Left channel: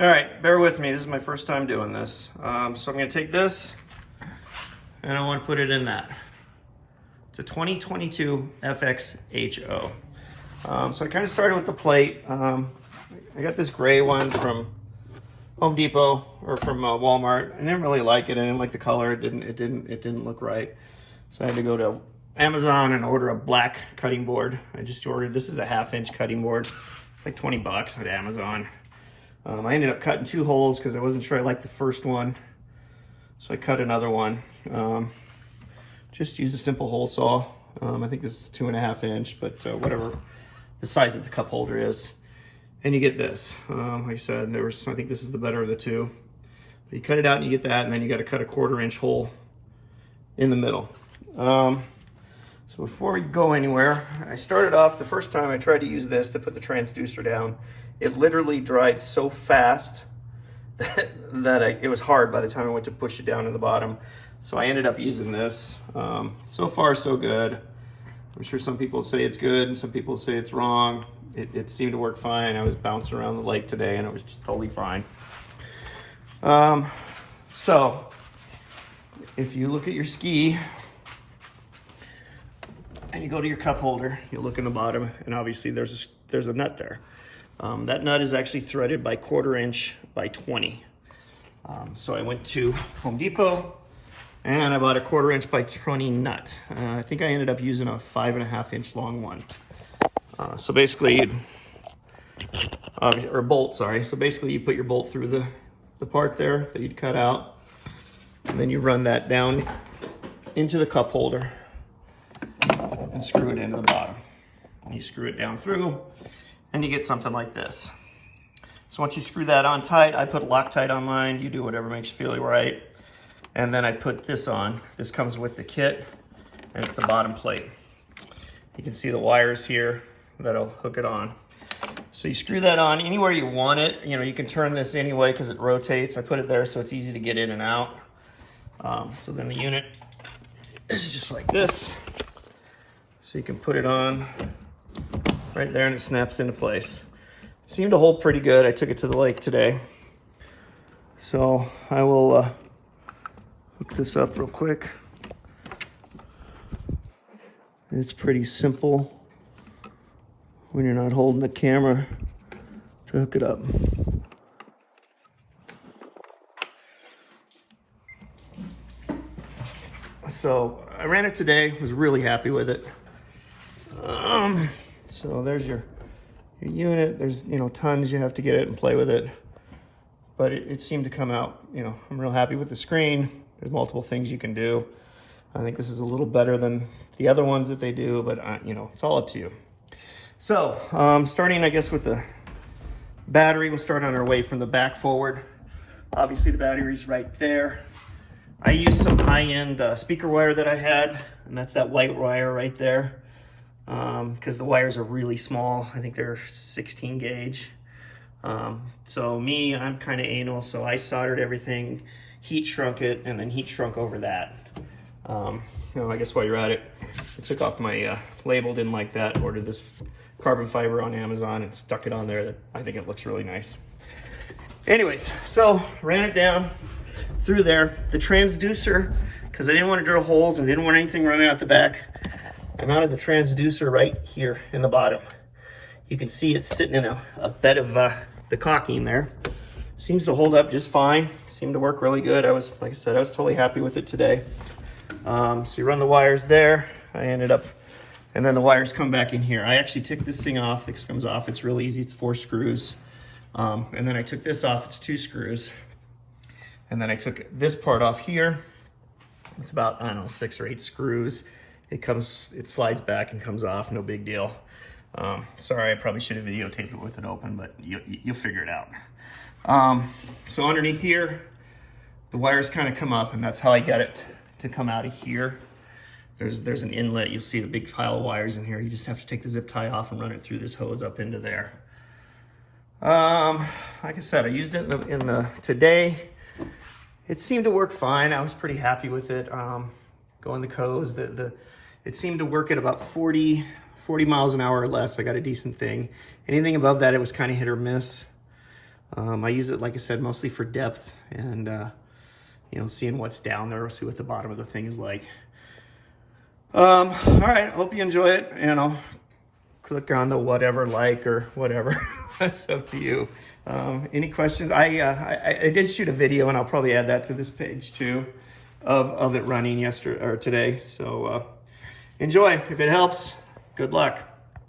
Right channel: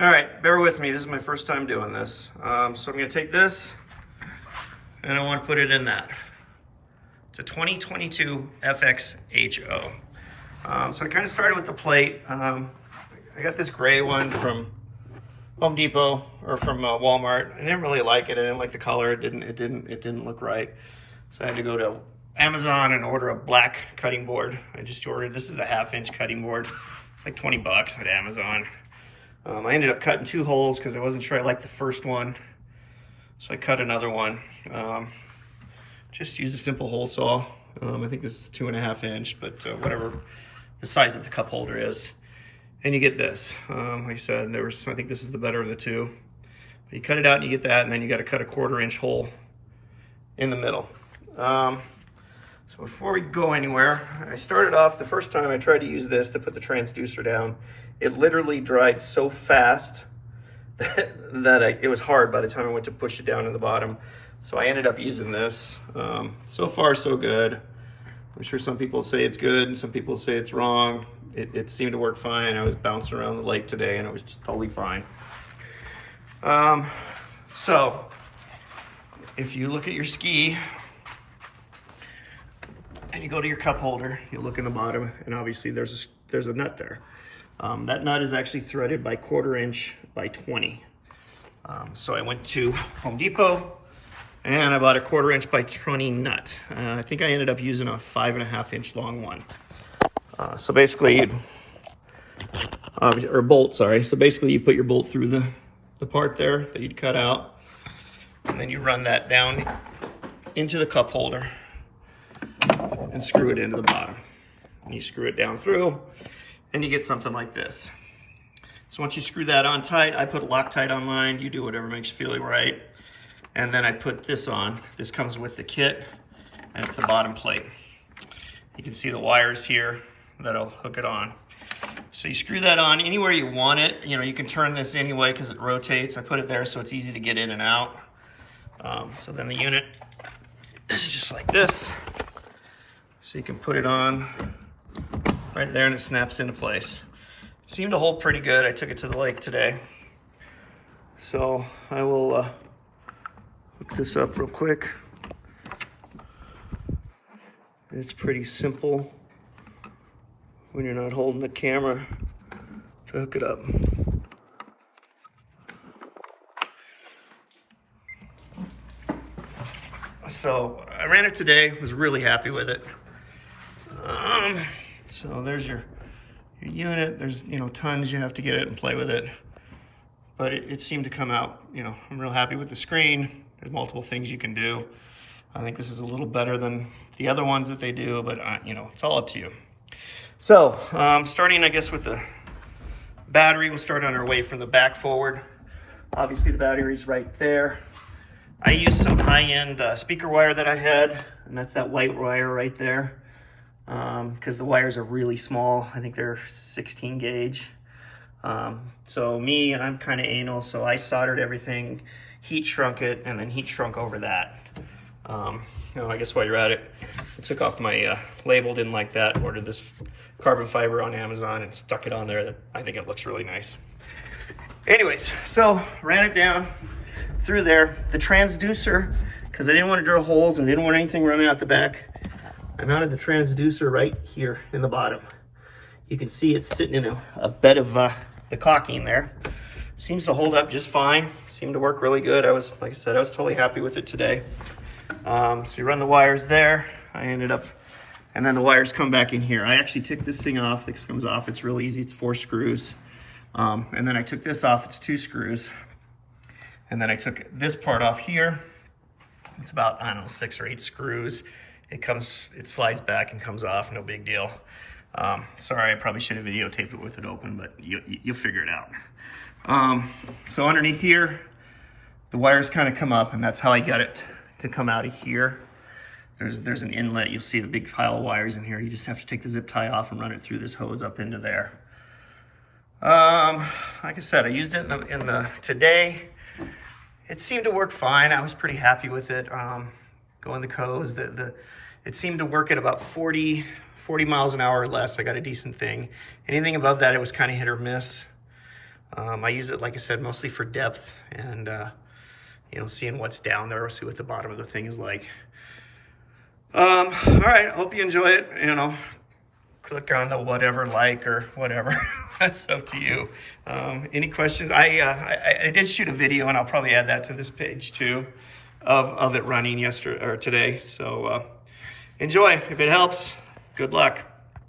All right, bear with me. This is my first time doing this. So I'm gonna take this and I want to put it in that. It's a 2022 FXHO. So I kind of started with the plate. I got this gray one from Home Depot or from Walmart. I didn't really like it. I didn't like the color. It didn't look right. So I had to go to Amazon and order a black cutting board. I just ordered, this is a 1/2-inch cutting board. It's like 20 bucks at Amazon. I ended up cutting 2 holes because I wasn't sure I liked the first one. So I cut another one. Just use a simple hole saw. I think this is 2.5-inch, but whatever the size of the cup holder is. And you get this. Like I said, I think this is the better of the two. But you cut it out and you get that, and then you got to cut a 1/4-inch hole in the middle. So before we go anywhere, I started off, the first time I tried to use this to put the transducer down, it literally dried so fast that it was hard by the time I went to push it down to the bottom. So I ended up using this. So far, so good. I'm sure some people say it's good and some people say it's wrong. It seemed to work fine. I was bouncing around the lake today and it was just totally fine. So if you look at your ski and you go to your cup holder, you look in the bottom, and obviously there's a nut there. That nut is actually threaded by 1/4-inch by 20. So I went to Home Depot and I bought a 1/4-inch by 20 nut. I think I ended up using a 5.5-inch long one. So basically, or bolt, sorry. So basically you put your bolt through the part there that you'd cut out, and then you run that down into the cup holder and screw it into the bottom. And you screw it down through and you get something like this. So once you screw that on tight, I put Loctite on mine. You do whatever makes you feel right. And then I put this on. This comes with the kit, and it's the bottom plate. You can see the wires here that'll hook it on. So you screw that on anywhere you want it. You know, you can turn this anyway because it rotates. I put it there so it's easy to get in and out. So then the unit is just like this. So you can put it on right there and it snaps into place. It seemed to hold pretty good. I took it to the lake today. So I will hook this up real quick. It's pretty simple when you're not holding the camera to hook it up. So I ran it today, was really happy with it. So there's your unit. There's, tons you have to get it and play with it. But it seemed to come out, I'm real happy with the screen. There's multiple things you can do. I think this is a little better than the other ones that they do, but it's all up to you. So starting, I guess, with the battery, we'll start on our way from the back forward. Obviously the battery's right there. I used some high-end speaker wire that I had, and that's that white wire right there. Because the wires are really small. I think they're 16 gauge. So I'm kind of anal, so I soldered everything, heat shrunk it, and then heat shrunk over that. I guess while you're at it, I took off my label, didn't like that, ordered this carbon fiber on Amazon and stuck it on there. I think it looks really nice. Anyways, so ran it down through there. The transducer, because I didn't want to drill holes and didn't want anything running out the back, I mounted the transducer right here in the bottom. You can see it's sitting in a bed of the caulking there. Seems to hold up just fine. Seemed to work really good. Like I said, I was totally happy with it today. So you run the wires there. And then the wires come back in here. I actually took this thing off. This comes off. It's real easy. It's 4 screws. And then I took this off. It's 2 screws. And then I took this part off here. It's about, 6 or 8 screws. It slides back and comes off, no big deal. Sorry, I probably should have videotaped it with it open, but you'll figure it out. So underneath here, the wires kind of come up, and that's how I got it to come out of here. There's an inlet. You'll see the big pile of wires in here. You just have to take the zip tie off and run it through this hose up into there. Like I said, I used it today. It seemed to work fine. I was pretty happy with it. Going the coast, it seemed to work at about 40 miles an hour or less. I got a decent thing. Anything above that, it was kind of hit or miss. I use it, like I said, mostly for depth and, you know, seeing what's down there, or see what the bottom of the thing is like. All right, hope you enjoy it. You know, click on the whatever, like, or whatever. That's up to you. Any questions? I did shoot a video, and I'll probably add that to this page too, of it running yesterday or today. So enjoy. If it helps, good luck.